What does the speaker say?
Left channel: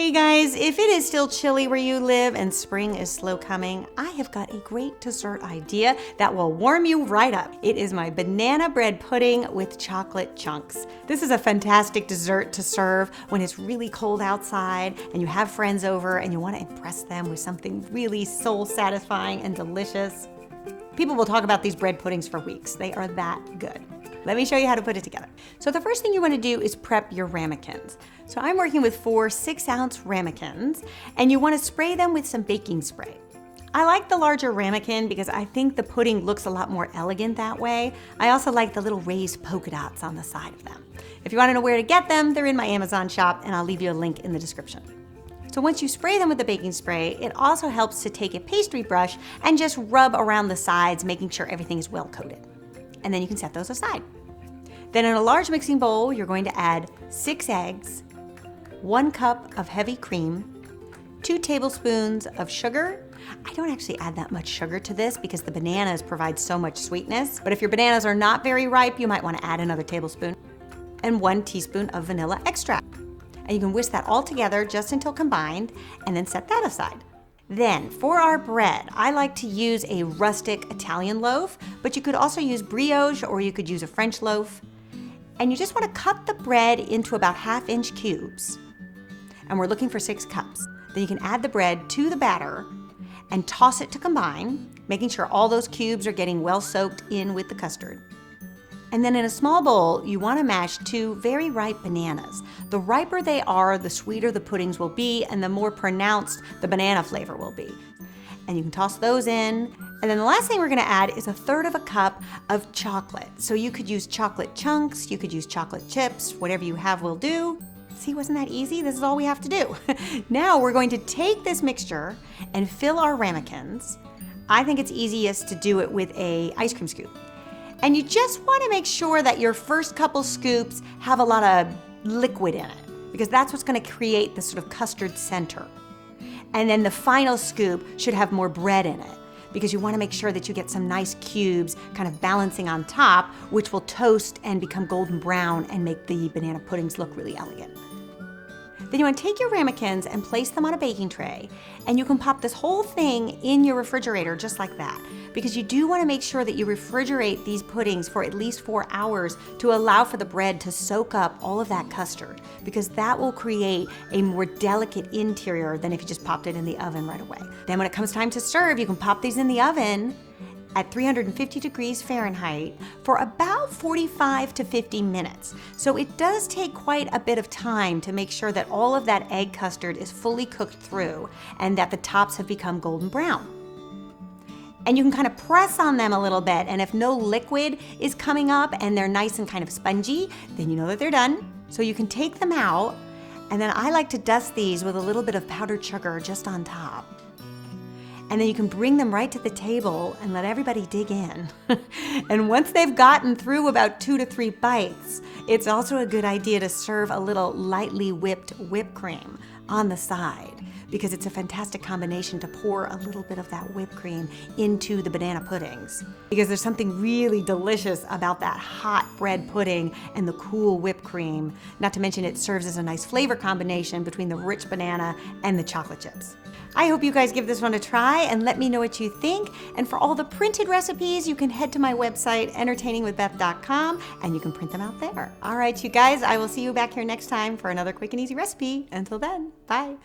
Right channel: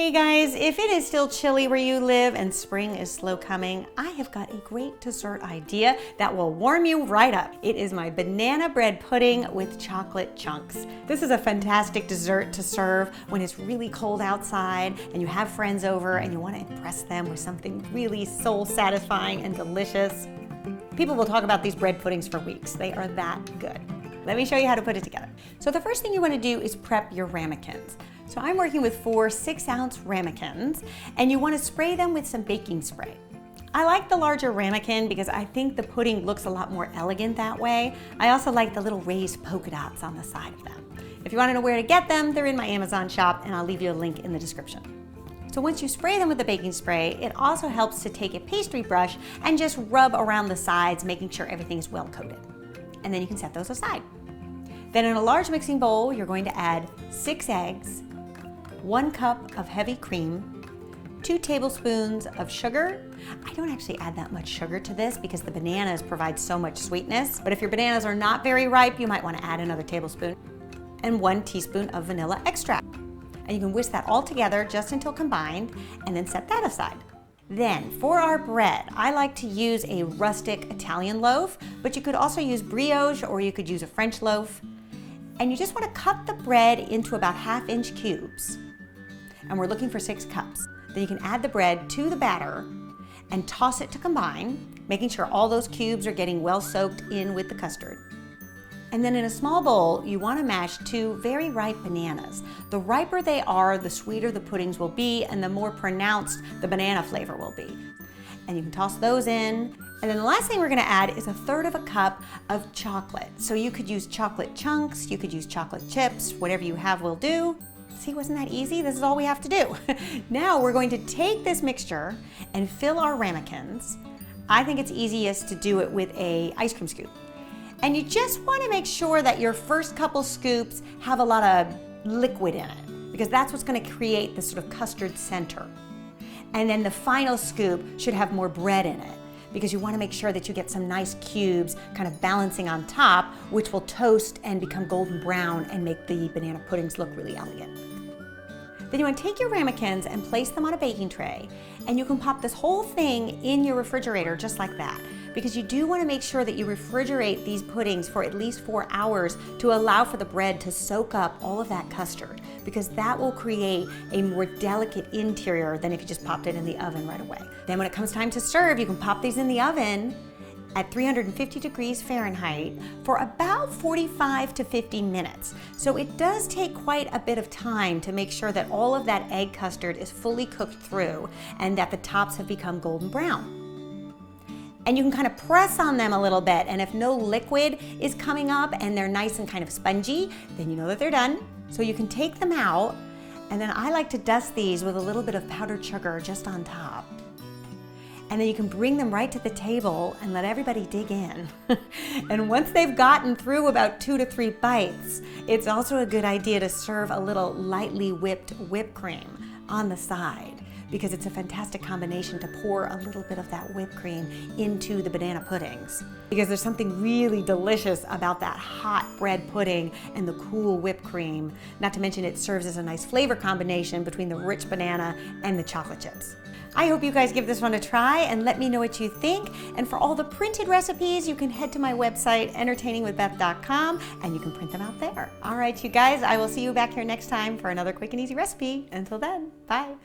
Hey guys, if it is still chilly where you live and spring is slow coming, I have got a great dessert idea that will warm you right up. It is my banana bread pudding with chocolate chunks. This is a fantastic dessert to serve when it's really cold outside and you have friends over and you want to impress them with something really soul satisfying and delicious. People will talk about these bread puddings for weeks. They are that good. Let me show you how to put it together. So the first thing you want to do is prep your ramekins. So I'm working with 4 6-ounce ramekins, and you want to spray them with some baking spray. I like the larger ramekin because I think the pudding looks a lot more elegant that way. I also like the little raised polka dots on the side of them. If you want to know where to get them, they're in my Amazon shop, and I'll leave you a link in the description. So once you spray them with the baking spray, it also helps to take a pastry brush and just rub around the sides, making sure everything is well coated. And then you can set those aside. Then in a large mixing bowl, you're going to add 6 eggs, 1 cup of heavy cream, 2 tablespoons of sugar. I don't actually add that much sugar to this because the bananas provide so much sweetness. But if your bananas are not very ripe, you might want to add another tablespoon, and 1 teaspoon of vanilla extract. And you can whisk that all together just until combined, and then set that aside. Then, for our bread, I like to use a rustic Italian loaf, but you could also use brioche or you could use a French loaf. And you just want to cut the bread into about 1/2-inch cubes. And we're looking for 6 cups. Then you can add the bread to the batter and toss it to combine, making sure all those cubes are getting well soaked in with the custard. And then in a small bowl, you want to mash 2 very ripe bananas. The riper they are, the sweeter the puddings will be, and the more pronounced the banana flavor will be. And you can toss those in. And then the last thing we're going to add is 1/3 cup of chocolate. So you could use chocolate chunks, you could use chocolate chips, whatever you have will do. See, wasn't that easy? This is all we have to do. Now we're going to take this mixture and fill our ramekins. I think it's easiest to do it with an ice cream scoop. And you just want to make sure that your first couple scoops have a lot of liquid in it, because that's what's going to create the sort of custard center. And then the final scoop should have more bread in it, because you want to make sure that you get some nice cubes kind of balancing on top, which will toast and become golden brown and make the banana puddings look really elegant. Then you want to take your ramekins and place them on a baking tray, and you can pop this whole thing in your refrigerator just like that, because you do want to make sure that you refrigerate these puddings for at least 4 hours to allow for the bread to soak up all of that custard, because that will create a more delicate interior than if you just popped it in the oven right away. Then when it comes time to serve, you can pop these in the oven at 350 degrees Fahrenheit for about 45 to 50 minutes. So it does take quite a bit of time to make sure that all of that egg custard is fully cooked through and that the tops have become golden brown. And you can kind of press on them a little bit, and if no liquid is coming up and they're nice and kind of spongy, then you know that they're done. So you can take them out, and then I like to dust these with a little bit of powdered sugar just on top. And then you can bring them right to the table and let everybody dig in. And once they've gotten through about 2 to 3 bites, it's also a good idea to serve a little lightly whipped whipped cream on the side, because it's a fantastic combination to pour a little bit of that whipped cream into the banana puddings. Because there's something really delicious about that hot bread pudding and the cool whipped cream. Not to mention it serves as a nice flavor combination between the rich banana and the chocolate chips. I hope you guys give this one a try and let me know what you think. And for all the printed recipes, you can head to my website, entertainingwithbeth.com, and you can print them out there. All right, you guys, I will see you back here next time for another quick and easy recipe. Until then, bye.